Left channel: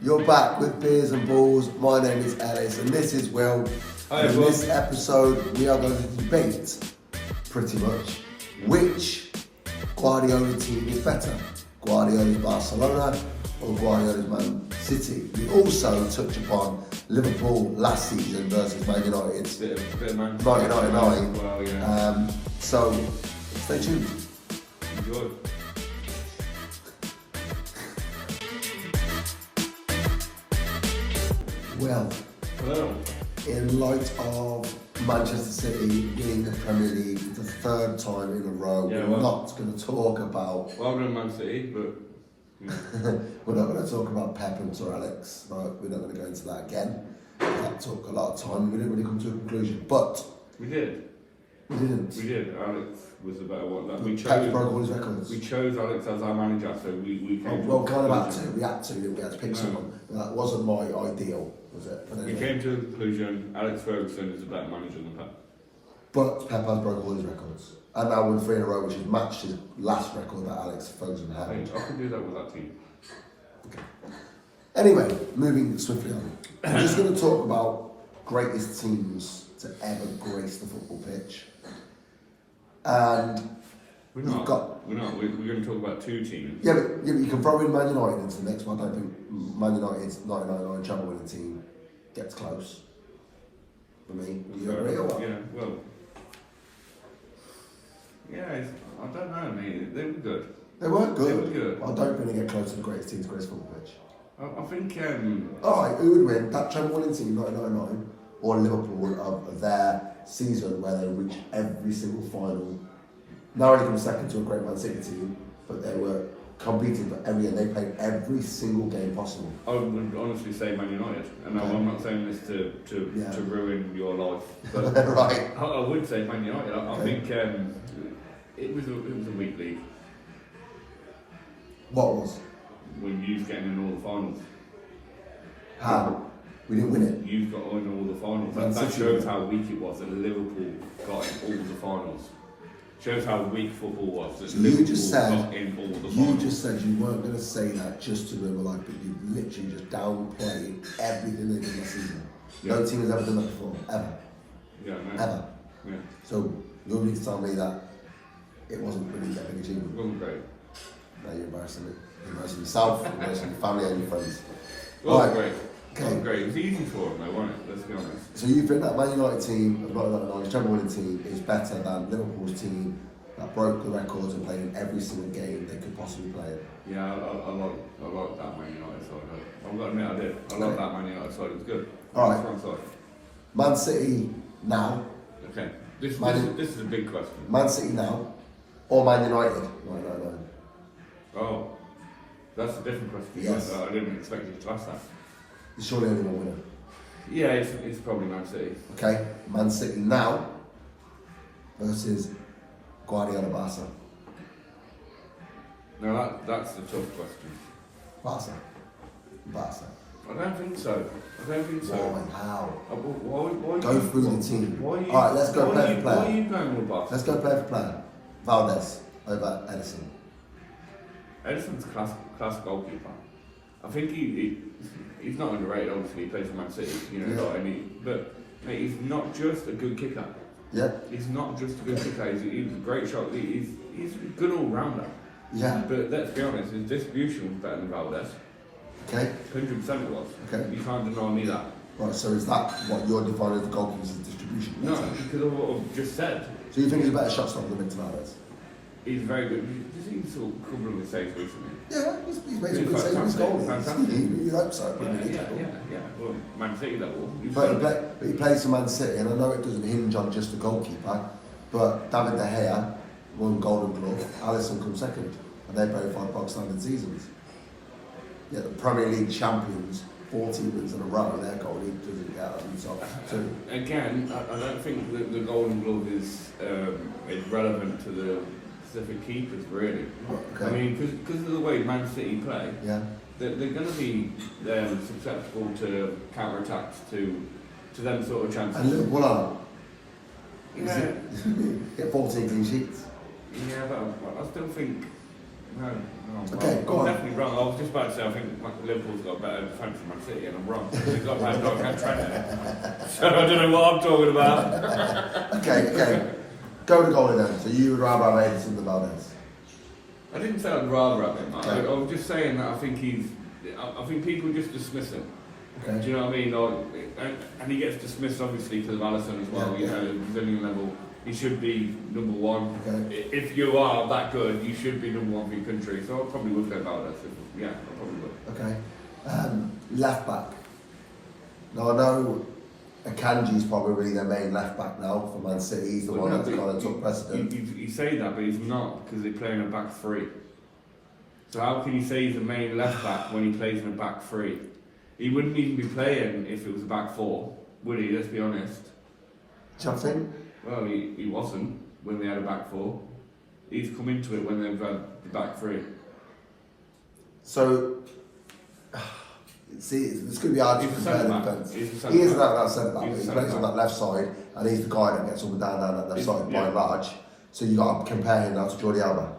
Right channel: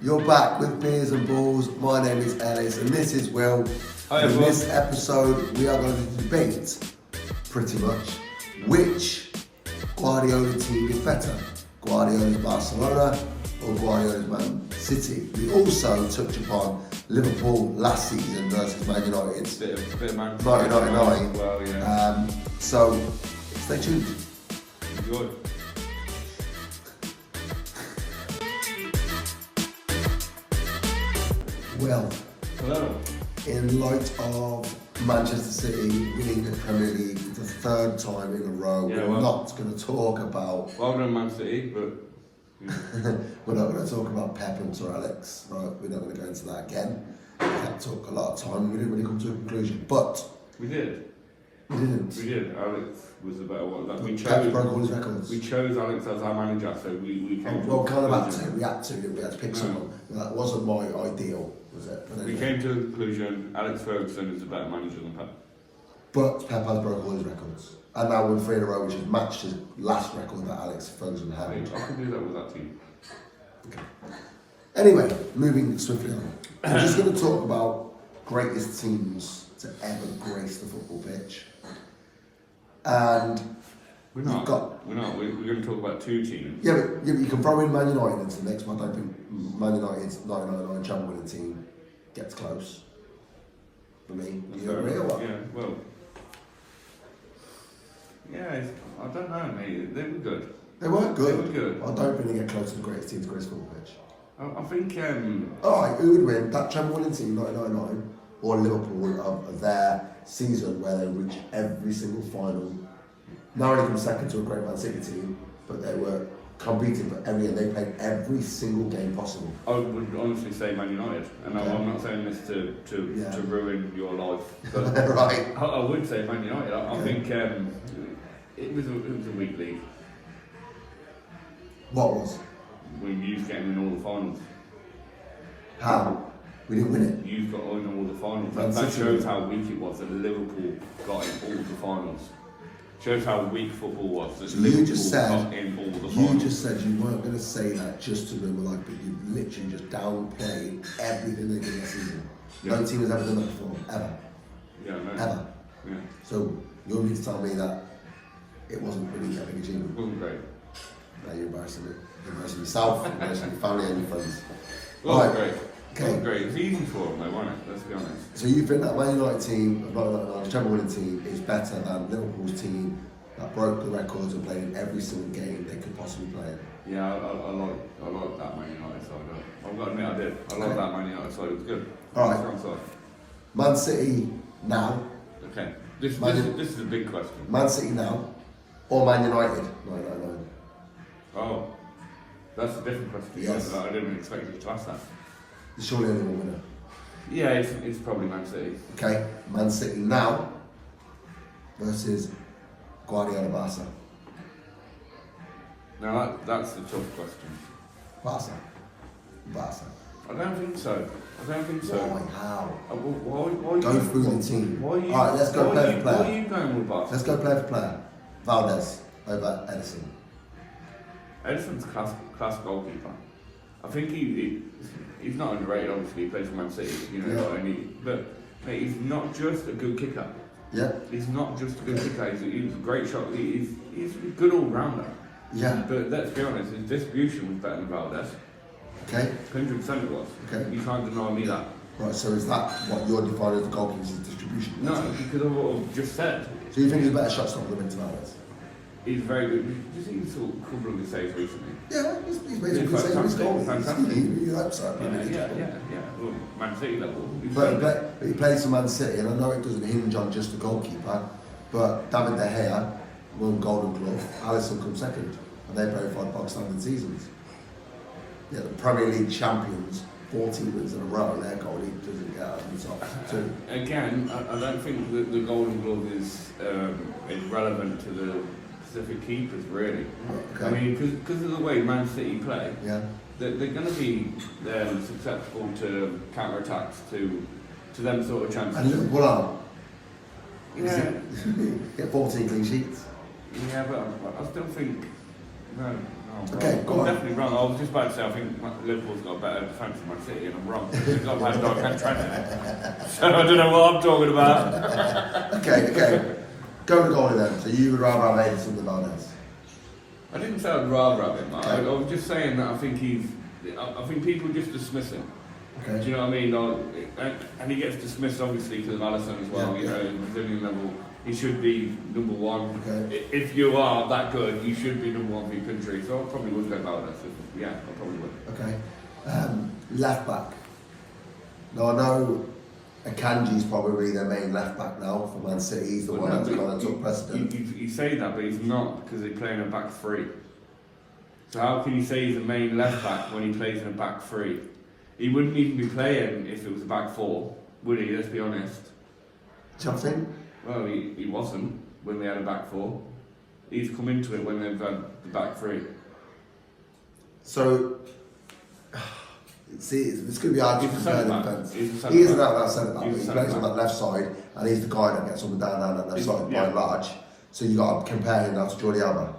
You're back with Beers and Balls. My name is Ellis and this is Will. Hi, and in everyone. this episode, we are going to debate, pretty much, which Guardiola team is better. Guardiola's Barcelona or Guardiola's Man City. We also touch upon Liverpool last season versus Man United. Bit of Man 1999. Well, yeah. So, stay tuned. Enjoy. Well, Hello. in light of Manchester City winning the Premier League for the third time in a row, Yeah, we're well- not going to talk about Well done, Man City, but we're not going to talk about Pep and Sir Alex. Right, we're not going to go into that again. That took a lot of time. We didn't really come to a conclusion, but we did. we didn't. We did. Alex was the better one. Like, Pep broke all his records. We chose Alex as our manager, so we Oh, came well, to kind a of had to. conclusion. We had to pick someone. That wasn't my ideal, was it? But We anyway. came to a conclusion. Alex Ferguson is a better manager than Pep. But Pep has broke all his records. And now we're 3 in a row, which has matched his last record that Alex Ferguson I held. think I could do that with that team. Anyway, moving swiftly on. We're just going to talk about greatest teams to ever grace the football pitch. And We're you've not. got... We're not. We're going to talk about two teams. Yeah, but you can throw in Man United into the mix, but I don't think Man United's 1999 Champions winning team gets close. For me, do you agree or what? Yeah. Well. Yeah. I don't know, mate. They were good. They were good. They were good. I don't think they get close to the greatest teams to grace the football pitch. I think. Alright, who would win? That Champions winning team, 1999, or Liverpool of their season where they reached every single final? Now they come second to a great Man City team, but they were competing for every, and they played every single game possible. I would honestly say Man United, and Okay. I'm not saying this Yeah. to ruin your life, but Right. I would say Man United. I Okay. think it was a weak league. What was? We used getting in all the finals. How? We didn't win it. You got in all the finals. Man That City shows won. how weak it was that Liverpool got in all the finals. Shows how weak football was. That So you Liverpool just said got in all the you finals. just said you weren't going to say that just to ruin my life, but you literally just downplayed everything they did last season. No Yeah. team has ever done that before, ever, Yeah, I know. ever. Yeah, So you need to tell me that it wasn't really a big it achievement. wasn't great. Now you're embarrassing me. You're embarrassing yourself, you're embarrassing your family and your friends. It wasn't Right. great. It Okay. wasn't great. It was easy for them, though, wasn't it? Let's be honest. So you think that Man United team of 1999, the Champions winning team, is better than Liverpool's team that broke the records and played in every single game they could possibly play in? Yeah, I like that Man United side. I've got to admit, I did. I Okay. like that Man United side. It was good. All right. Strong side. Man City now, Okay. This is a big question. Man City now, or Man United 1999? Oh, that's a different question. Yes. I didn't expect you to ask that. There's surely only one winner. Yeah, it's probably Man City. Okay, Man City now versus Guardiola Barca. Now that's the tough question. Barca. I don't think so. Why? How? Why Go through the team. Why are you, Alright, let's go why player are you- for player. Why are you going with Barca? Let's go player for player. Valdez over Edison. Edison's class goalkeeper. I think he's not underrated. Obviously, he plays for Man City. You know, Yeah. but mate, he's not just a good kicker. Yeah, He's not just a good kicker. He's a great shot. He's a good all rounder. yeah. But let's be honest, his distribution was better than Valdez. Okay, 100% it was. Okay. You can't deny me that. right. So is that what you're defining as the goalkeeper's distribution? No, because of what I've just said. So you think he's a better shot stopper than Victor Valdez? He's very good. Did you see he saw a couple of his saves recently? Yeah, he's made some Yeah, good saves with his goal. fantastic. You hope so. Premier League Yeah. level. Well, Man City level. He's But very good. he plays for Man City, and I know it doesn't hinge on just the goalkeeper, but David De Gea won Golden Glove, Alisson come second, and they both had bog standard seasons. Yeah, the Premier League champions, 14 wins in a row, their goalie doesn't get on the top two. Again, I don't think that the Golden Glove is relevant to the Pacific keepers, really. Okay. I mean, because of the way Man City play, Yeah, they're going to be susceptible to counter-attacks, to them sort of chances. and Liverpool are. Yeah, Get 14 clean sheets. yeah, but I still think, no, No, Okay, go on. I'm definitely wrong. I was just about to say I think Liverpool's got a better defence than Man City, and I'm wrong. They've got Van Dijk and Trent. So I don't know what I'm talking about. Okay. Go to goalie then. So you would rather have Edison than Valdez? I didn't say I'd rather have him. Okay. I was just saying that I think people just dismiss him. Okay. Do you know what I mean? And he gets dismissed obviously because of Alisson as well. Yeah, You yeah. know, the Brazilian level, he should be number one. Okay. If you are that good, you should be number one for your country. So I probably would go Valdez. Yeah, I probably would. Okay. Left back. Now I know Akanji's probably their main left back now for Man City. He's the one that kind of took precedent. You say that, but he's not because they're playing a back three. So how can you say he's the main left back when he plays in a back three? He wouldn't even be playing if it was a back four, would he? Let's be honest. Do you think? Well, he wasn't when they had a back four. He's come into it when they've had the back three. So, see, it's going to be hard to He's a compare the centre-back. defence. He's a He centre-back. is an out centre back, He's but a he plays on centre-back. that left side, and he's the guy that gets up and down that left side by Yeah. and large. So you got to compare him now to Jordi Alba.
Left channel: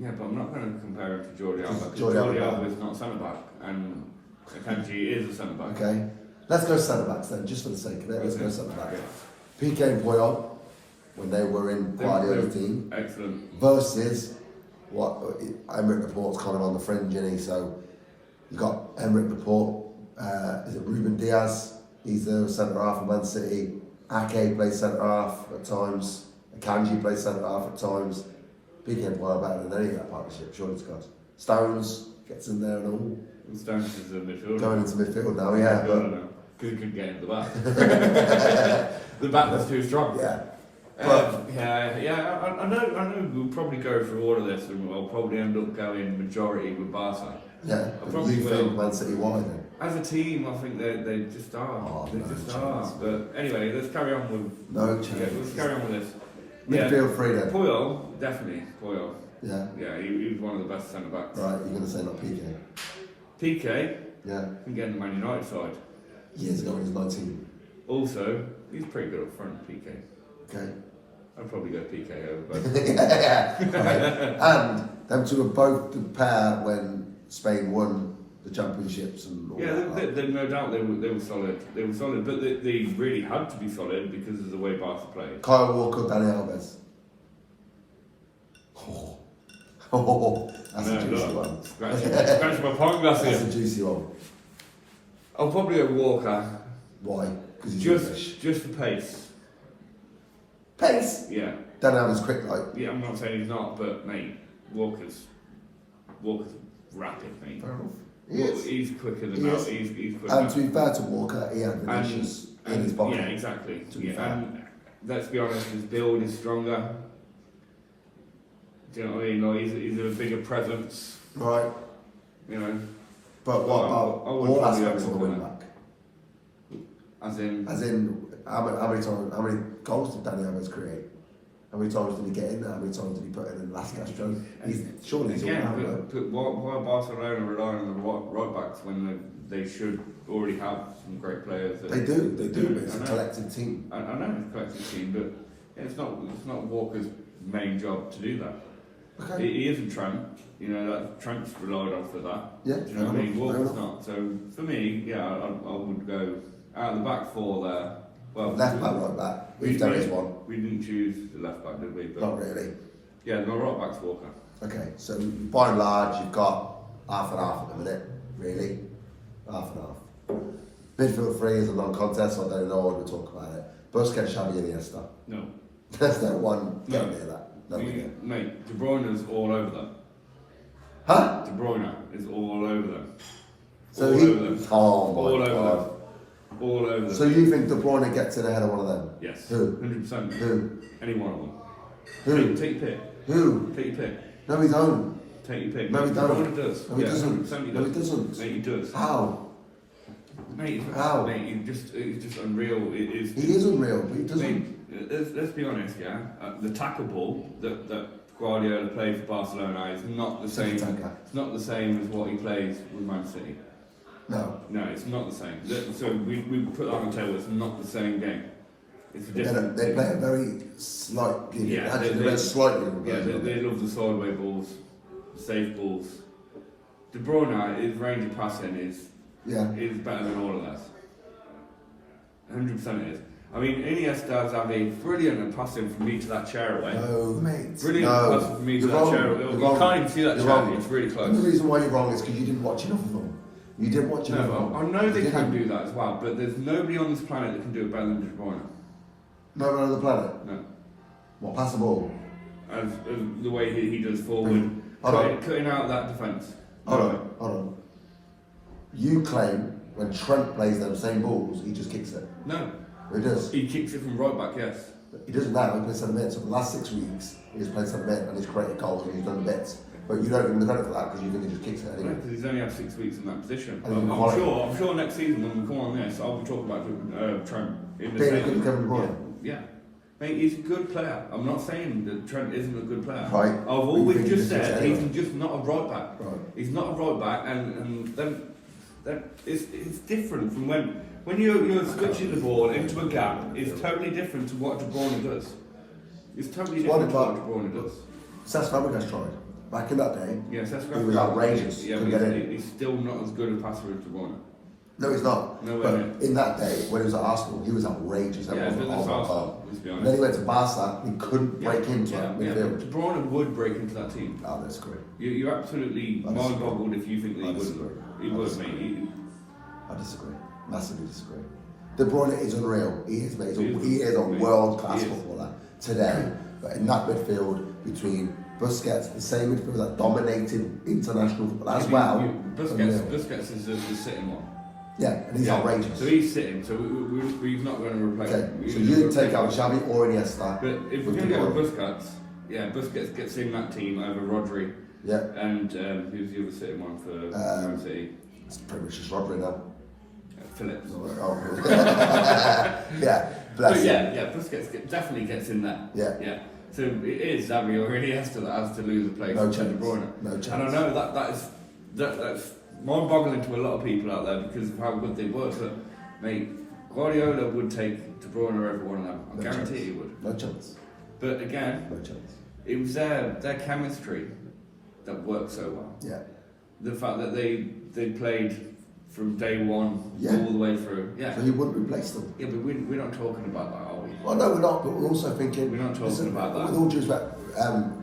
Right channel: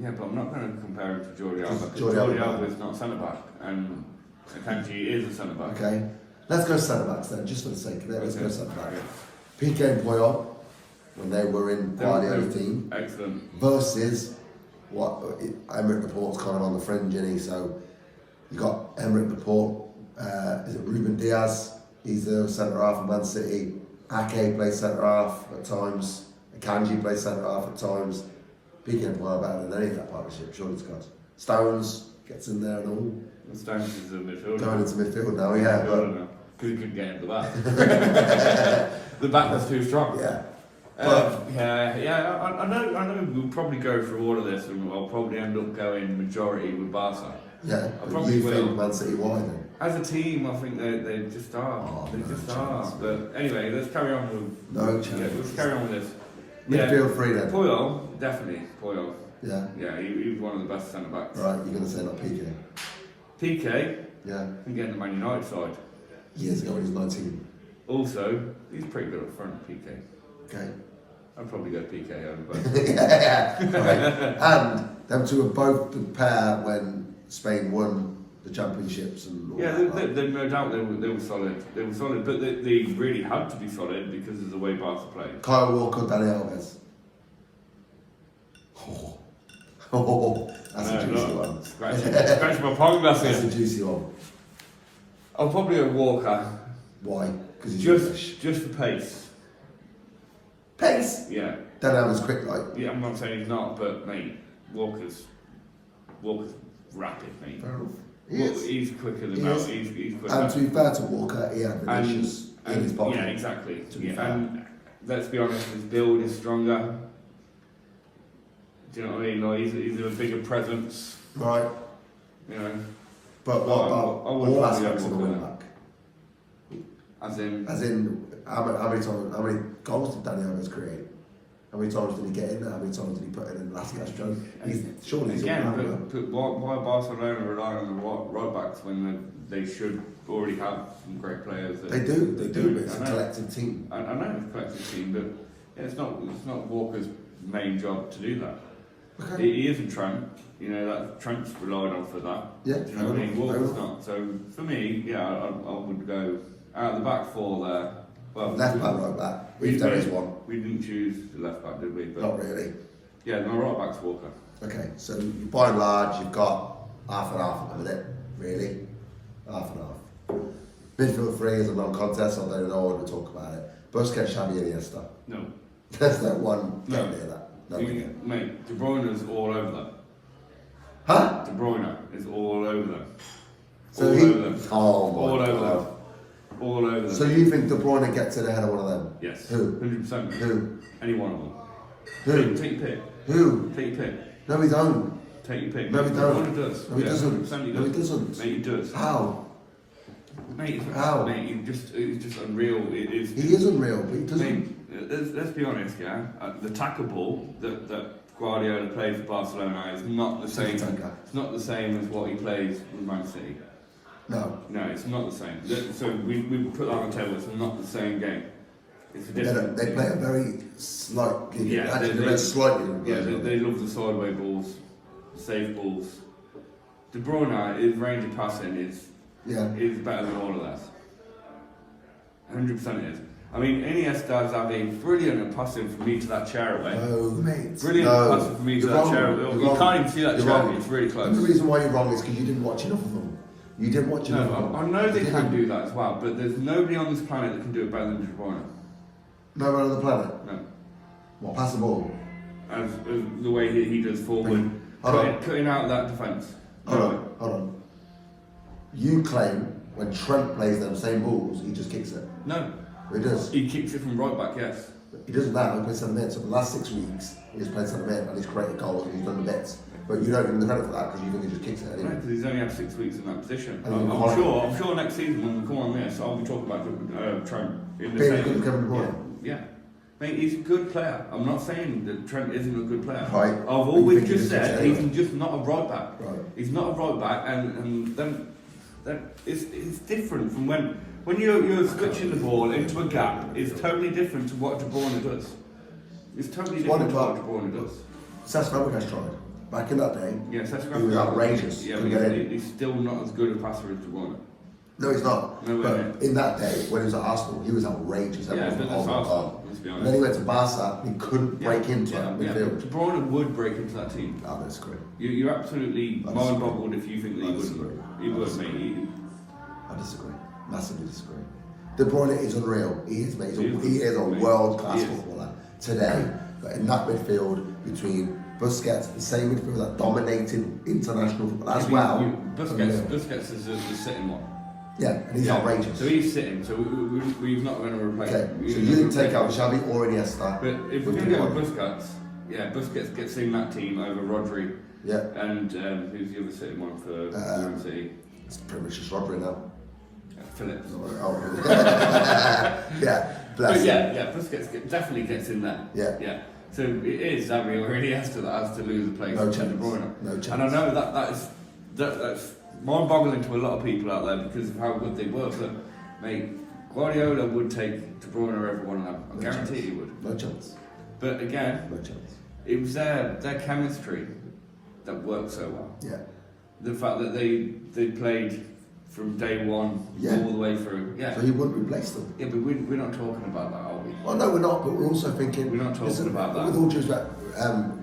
Yeah, but I'm not going to compare him to Jordi Alba. Jordi Jordi Alba. Alba is not a centre back, and Akanji is a centre back. Okay, let's go centre backs then, just for the sake of it. Let's Okay. go centre back. Yeah. Piqué and Puyol, when they were in Guardiola's team, Excellent. versus what Emerick Laporte's kind of on the fringe, isn't he? So you got Emerick Laporte. Is it Ruben Diaz? He's the centre half of Man City. Ake plays centre half at times. Akanji plays centre half at times. Piqué and Puyol are better than any of that partnership, surely to God. Stones gets in there and all. And Stones is a midfielder. Going into midfield now, yeah, but because he couldn't get into the back. The back was too strong. yeah. I know. We'll probably go through all of this, and we'll probably end up going majority with Barca. Yeah, I but probably you will. think Man City why then? As a team, I think they just are. Oh, they no just chance. are. But anyway, let's carry on with. No Yeah, chance. let's carry on with this. Midfield three then. Puyol, definitely Puyol. Yeah. Yeah, he was one of the best centre backs. Right, you're going to say not Piqué. PK Yeah. can get in the Man United side. Years ago when he was 19. Also, he's pretty good up front, PK. Okay. I'd probably go PK over both. yeah. Right. And them two were both the pair when Spain won the championships and all Yeah, that. there's no doubt they were solid. They were solid, but they really had to be solid because of the way Barca played. Kyle Walker, Dani Alves. Oh, that's a juicy one. Scratch my palm glass That's a here. juicy one. I'll probably go Walker, Why? Because he's English. just for pace. Pace. Yeah, Dani Alves quick, like. yeah. I'm not saying he's not, but mate, Walker's rapid, mate. Fair enough. He is. He's quicker than He that. is. He's quicker. And to be fair to Walker, he had Vinicius in his pocket. Yeah, exactly. To be Yeah, fair. and let's be honest, his build is stronger. Do you know what I mean? Like he's a bigger presence. Right. You know, But what I about would all probably aspects of the go wing Walker. back? as in. As in, how many goals did Dani Alves create? How many times did he get in there? How many times did he put in the last Castro? Surely he's all Again, rounder. but why Barcelona rely on the right backs when they should already have some great players? They do, but it's I a know. collective team. I know it's a collective team, but it's not Walker's main job to do that. Okay. He isn't Trent. You know that Trent's relied on for that. Yeah, Do you know what I mean? fair Walker's enough. not. So for me, yeah, I would go out of the back four there. Well, Left back, right back. If there is one. We didn't choose the left back, did we? But Not really. yeah, no, right back's Walker. Okay, so by and large, you've got half and half at the minute, really. Half and half. Midfield three is a non-contest, so I don't know what to talk about it. Busquets, Xavi, Iniesta. No. There's no one No. getting near that. No one near. Mate, De Bruyne is all over them. Huh? De Bruyne is all over them. So all he. over them. Oh All my over god. them. All over them. So you think De Bruyne gets in ahead of one of them? Yes. Who? 100%. Who? Any one of them. Who? Take your pick. Who? Take your pick. No, he don't. Take your pick. No, he De don't. Bruyne does. No, he Yeah, doesn't. 100% No, he doesn't. Mate, he does. How? Mate, How? Mate, it's just unreal. It is. He is unreal, but he doesn't. Mate, let's be honest, yeah. The tackle ball that Guardiola played for Barcelona is not the same. Tiki-taka. It's not the same as what he plays with Man City. No. No, it's not the same. So we put that on the table. It's not the same game. It's a different. They play a very slightly, Yeah, actually, they're slightly. Yeah, they love the sideway balls, safe balls. De Bruyne, his range of passing is better than all of that. 100% it is. I mean, Iniesta is having brilliant at passing from me to that chair away. No, mate. Brilliant passing from me to that chair away. You can't even see that chair. Wrong. It's really close. And the reason why you're wrong is because you didn't watch enough of them. You didn't watch enough of them. I know they can do that as well, but there's nobody on this planet that can do it better than De Bruyne. No one on the planet? No. What, pass the ball? As the way he does forward, cutting out that defence. Hold on. You claim when Trent plays them same balls, he just kicks it. No. He does. He kicks it from right back, yes. He doesn't now, he plays centre mid. So the last 6 weeks, he's played centre mid and he's created goals and he's done the bits. But you don't give him the credit for that because you think he just kicks it anyway. Because he's only had 6 weeks in that position. I'm sure next season when we come on this, I'll be talking about Trent. Being as good as Kevin De Bruyne. Yeah. Mate, he's a good player. I'm not saying that Trent isn't a good player. Right. I've always just said he's just not a right back. Right. He's not a right back, and then it's different from when you're switching the ball into a gap. It's totally different to what De Bruyne does. It's totally different to what De Bruyne does. Cesc Fabregas tried. Back in that day, yeah, he was outrageous. Yeah, couldn't get in. He's still not as good a passer as De Bruyne. No, he's not. No way, but mate. in that day, when he was at Arsenal, he was outrageous. Everyone was like, oh my god. And then he went to Barca, he couldn't break into that midfield. De Bruyne would break into that team. Oh, that's great. You're absolutely mind-boggled if you think that he wouldn't. He would, mate. I disagree. Massively disagree. De Bruyne is unreal. He is, mate. He is a world-class footballer today. But in that midfield, between Busquets, the same midfield that dominated international football as well. Busquets is the sitting one. Yeah, and he's outrageous. So he's sitting, so we're not going to replace him. Okay, so you take out Xavi or Iniesta. But if we're going to get with Busquets, Busquets gets in that team over Rodri. Yeah. And who's the other sitting one for Man City? It's pretty much just Rodri now. Phillips. Oh, yeah, bless him. Yeah, Busquets definitely gets in there. Yeah. So it is Xavi or Iniesta that has to lose a place. No chance. No chance. And I know that's mind-boggling to a lot of people out there because of how good they were. But mate, Guardiola would take De Bruyne or every one of them. I guarantee he would. No chance. But again, no chance. It was their chemistry that worked so well. Yeah. The fact that they played from day one all the way through. Yeah. So he wouldn't replace them. Yeah, but we're not talking about that, are we? Well, no, we're not. But we're also thinking. We're not talking about that. With all due respect,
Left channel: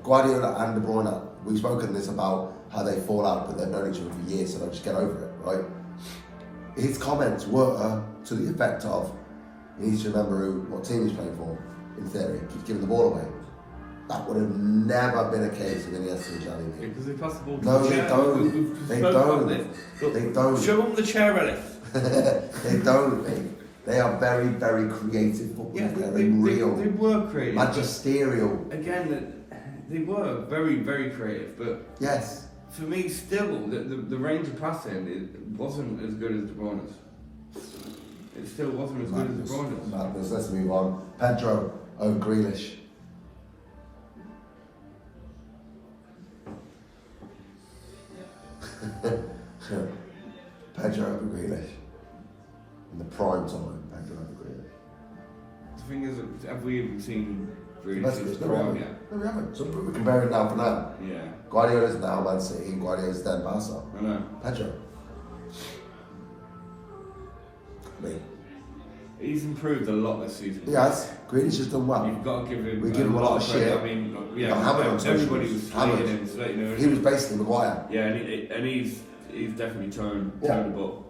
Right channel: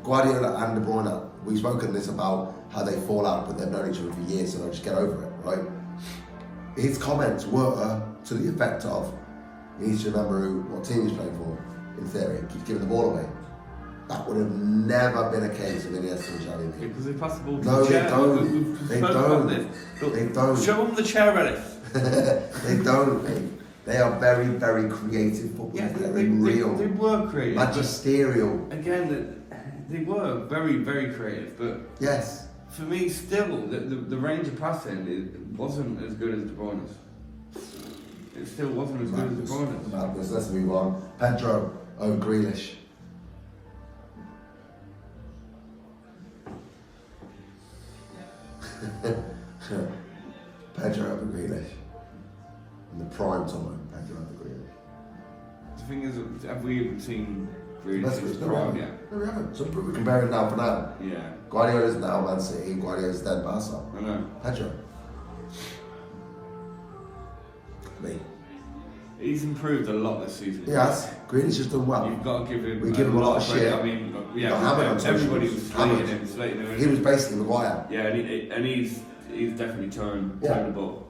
Guardiola and De Bruyne, we've spoken this about how they fall out, but they've known each other for years, so they'll just get over it, right? His comments were to the effect of, he needs to remember what team he's playing for. In theory, keeps giving the ball away. That would have never been a case with Iniesta and Xavi. Because they pass the ball to no, the chair. They don't. They don't. Show them the chair, Ellis. They don't, mate. They are very, very creative footballers. Yeah, they're real. They were creative. Magisterial. Again, they were very, very creative. But yes, for me, still, the range of passing it wasn't as good as De Bruyne's. It still wasn't as good as De Bruyne's. Madness. Let's move on. Pedro over Grealish. Pedro over Grealish. In the prime time, Pedro over Grealish. The thing is, have we even seen Grealish's No, prime yet? No, we haven't. So we're comparing now for now. Yeah. Guardiola's now Man City, Guardiola's then Barca. I know. Pedro. Me. He's improved a lot this season. He has. Grealish has done well. You've got to give him. We give him a lot of shit. I mean, yeah. Hammered on Everybody was slating him. He was basically Maguire. Yeah, and he's definitely toned the ball.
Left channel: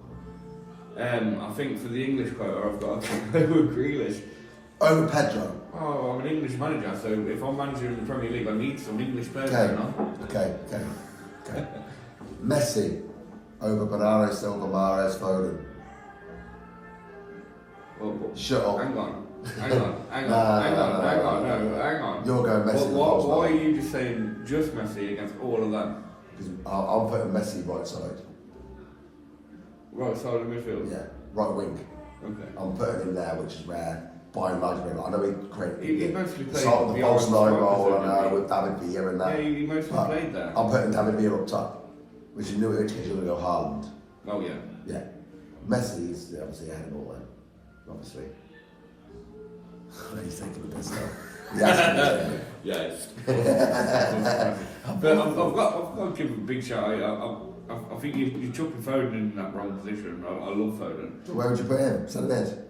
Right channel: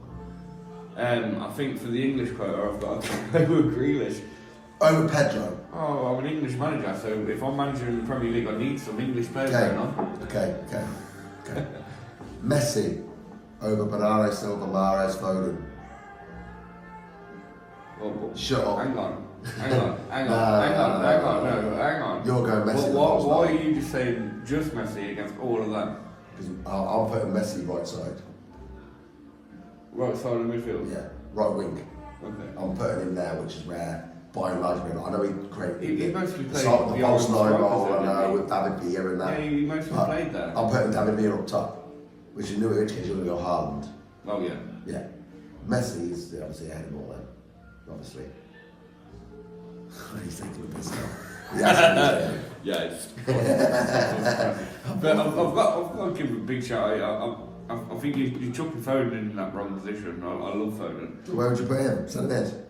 I think for the English quota, I've got to go with Grealish. Over Pedro. Oh, I'm an English manager, so if I'm manager in the Premier League, I need some English players going on. Okay. Messi over Bernardo Silva, Mahrez, Foden. Well, shut up. Hang on. Hang on. You're going Messi. Why are you just saying just Messi against all of them? Because I'll put Messi right side. Right side of the midfield? Yeah, right wing. Okay. I'm putting him there, which is rare. By and large, I know he created he mostly played the false nine role, I know, with David Villa and that. Yeah, he mostly played there. I'm putting David Villa up top, which is new in which case you're going to go Haaland. Oh, yeah. Yeah. Messi is obviously ahead of all then, obviously. He's taking the piss now. Yeah. Yeah, it's but I've got to give him a big shout out. I think you chuck Foden in that wrong position. I love Foden. So where would you put him? Centre mid?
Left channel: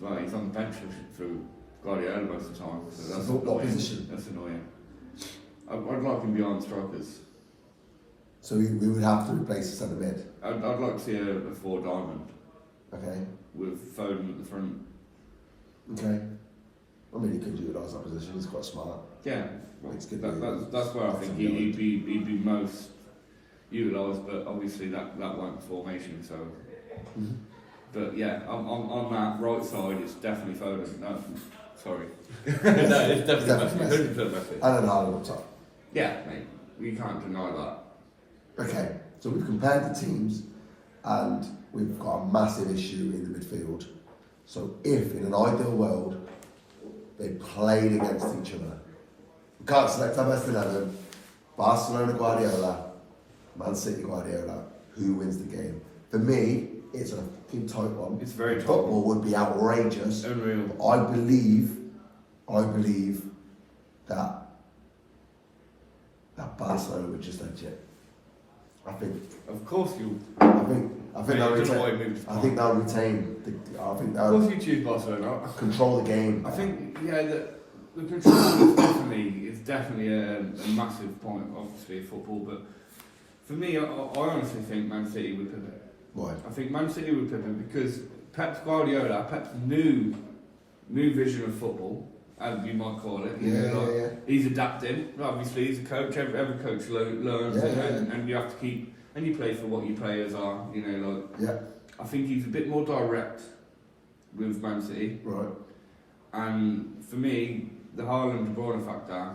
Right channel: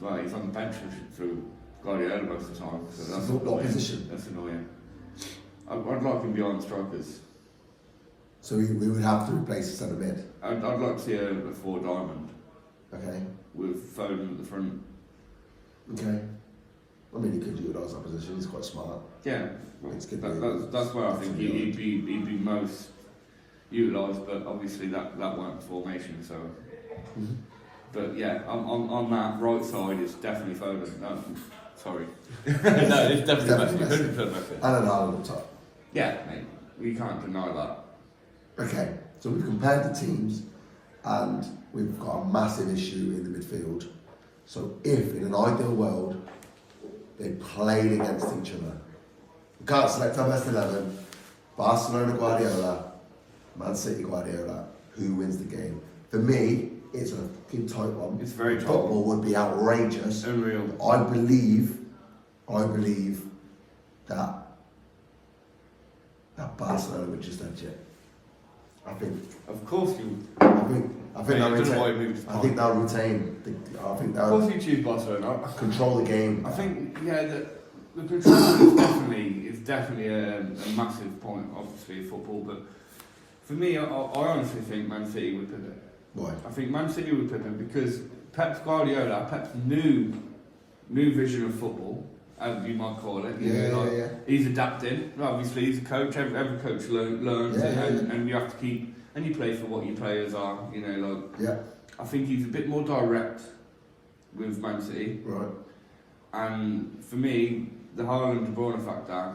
Well, he's on the bench through Guardiola most of the time. So that's what position? That's annoying. I'd like him behind strikers. So we would have to replace the centre mid? I'd like to see a 4 diamond. Okay. With Foden at the front. Okay. I mean, he could utilise that position. He's quite smart. Yeah, It's good. That's where I think he'd be most utilised, but obviously that weren't formation. So, but yeah, on that right side, it's definitely Foden. No, sorry, no, it's definitely Messi. And then Haaland up top. Yeah, mate, you can't deny that. Okay, so we've compared the teams, and we've got a massive issue in the midfield. So if in an ideal world they played against each other, we can't select our best 11. Barcelona Guardiola, Man City Guardiola. Who wins the game? For me, it's a fucking tight one. It's very tight. Football would be outrageous. Unreal. But I believe that Barcelona would just edge it. I think. Of course you. I think they'll retain. I think they'll retain. Of course you choose Barcelona. Control the game. I think the control is definitely a massive point, obviously, of football. But for me, I honestly think Man City would pivot. Why? I think Man City would pivot because Pep's new vision of football, as you might call it. Yeah. He's adapting. Obviously, he's a coach. Every coach learns, and you have to keep. And you play for what your players are. I think he's a bit more direct with Man City. Right. And for me, the Haaland De Bruyne factor,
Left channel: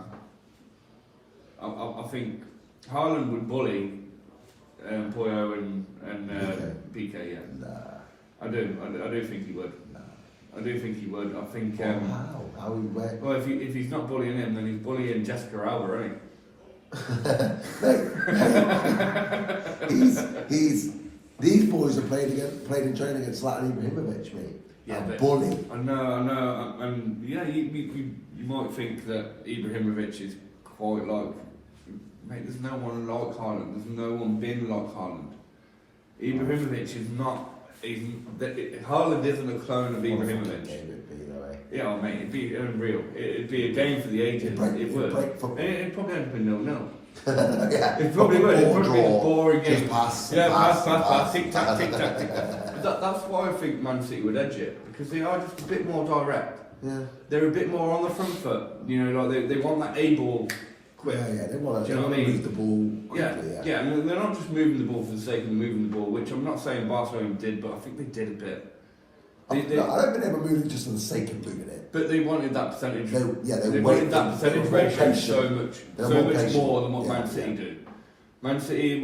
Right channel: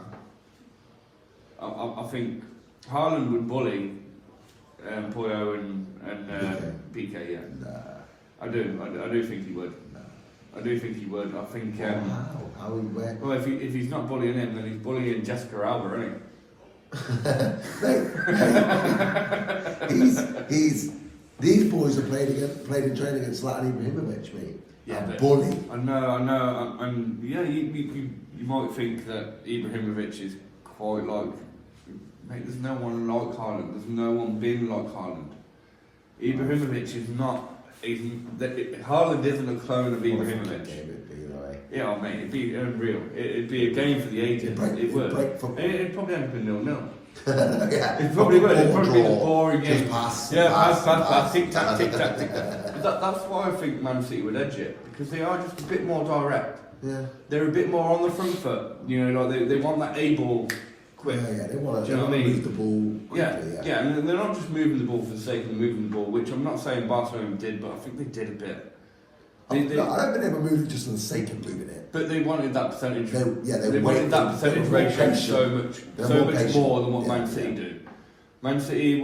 I think Haaland would bully Puyo and PK. Yeah. Nah. I do think he would. Nah. I do think he would. I think. How he went? Well, if he's not bullying him, then he's bullying Jessica Alba, isn't he? he's these boys have played in training against Zlatan Ibrahimovic, mate. Yeah, bully. I know, and yeah, you might think that Ibrahimovic is quite like, mate. There's no one like Haaland. There's no one been like Haaland. Ibrahimovic is not. Haaland isn't a clone of Ibrahimovic. Yeah, mate, it'd be unreal. It'd be a game for the ages. It would. It'd probably end up in 0-0. Yeah, it probably would. It'd probably be a boring game. Just pass. Yeah, pass. Tick tack. That's why I think Man City would edge it, because they are just a bit more direct. Yeah. They're a bit more on the front foot. Like they want that A-ball quick. Yeah, they want to move the ball quickly. Yeah, and they're not just moving the ball for the sake of moving the ball, which I'm not saying Barcelona did, but I think they did a bit. I don't think they were moving just for the sake of moving it. But they wanted that percentage. They wanted that percentage ratio so much more than what Man City do. Man City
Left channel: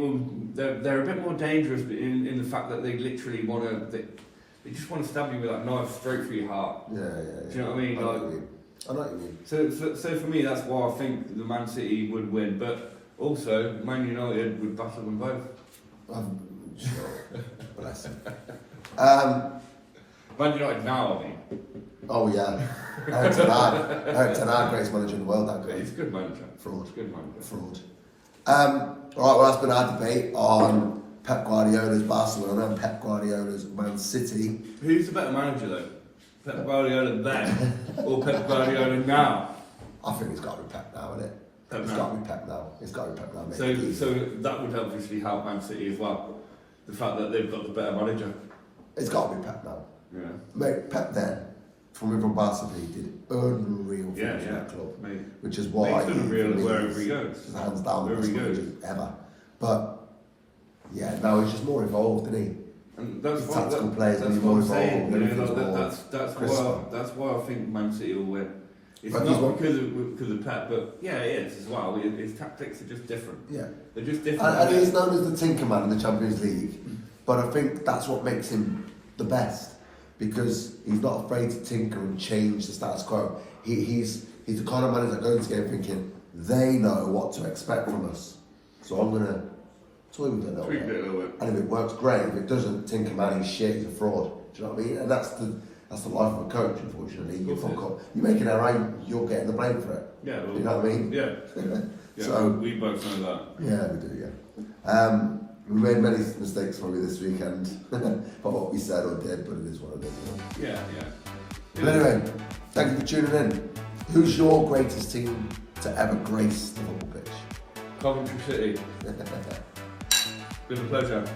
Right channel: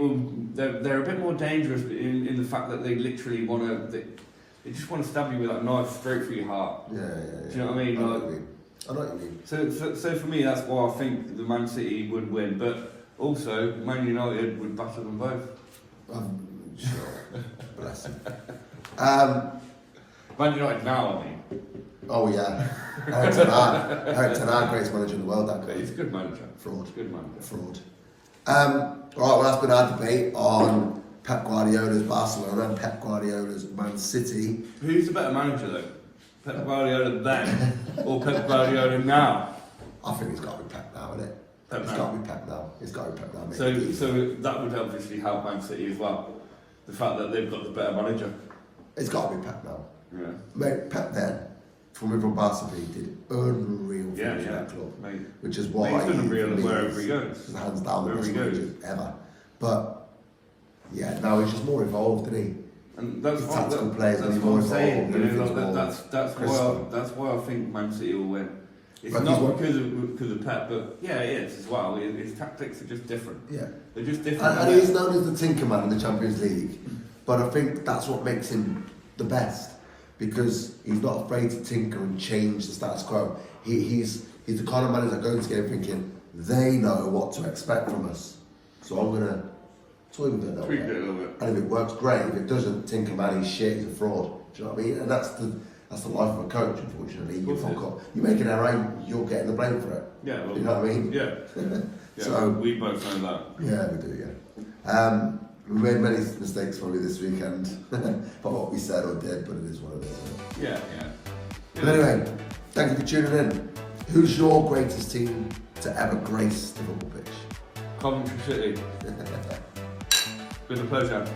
they're a bit more dangerous in the fact that they literally want to. They just want to stab you with that knife straight through your heart. Yeah. Do you know what I mean? I know what you mean. So for me, that's why I think the Man City would win. But also, Man United would batter them both. Sure. Bless him. Man United now, I mean. Oh yeah, Eric Ten Hag, greatest manager in the world. That guy. He's a good manager. Fraud. Good manager. Fraud. All right, well that's been our debate on Pep Guardiola's Barcelona and Pep Guardiola's Man City. Who's the better manager though? Pep Guardiola then or Pep Guardiola now? I think it's got to be Pep now, isn't it? It's got to be Pep now. It's got to be Pep now. So that would obviously help Man City as well. The fact that they've got the better manager. It's got to be Pep now. Yeah. Mate, Pep then, from Barcelona, he did unreal things in that club. Mate. Which is why he's unreal wherever he goes. Hands down the best manager ever. But yeah, now he's just more involved, isn't he? And that's his tactical players are more involved. That's why I think Man City will win. It's not because of Pep, but yeah, it is as well. His tactics are just different. Yeah, they're just different. And he is known as the Tinkerman in the Champions League, but I think that's what makes him the best, because he's not afraid to tinker and change the status quo. He's the kind of manager that goes into the game thinking they know what to expect from us, so I'm gonna toy with it a little bit. And if it works, great. If it doesn't, Tinkerman, he's shit. He's a fraud. Do you know what I mean? And That's the life of a coach, unfortunately. Of You make an error, you're getting the blame for it. Yeah, well, You know what I mean? Yeah. Yeah, So we both know that. yeah, we do. Yeah. We made many mistakes probably this weekend, by what we said or did, but it is what it is. Isn't it? Yeah, yeah. But anyway, thank you for tuning in. Who's your greatest team to ever grace the football pitch? Coventry City. Been a pleasure.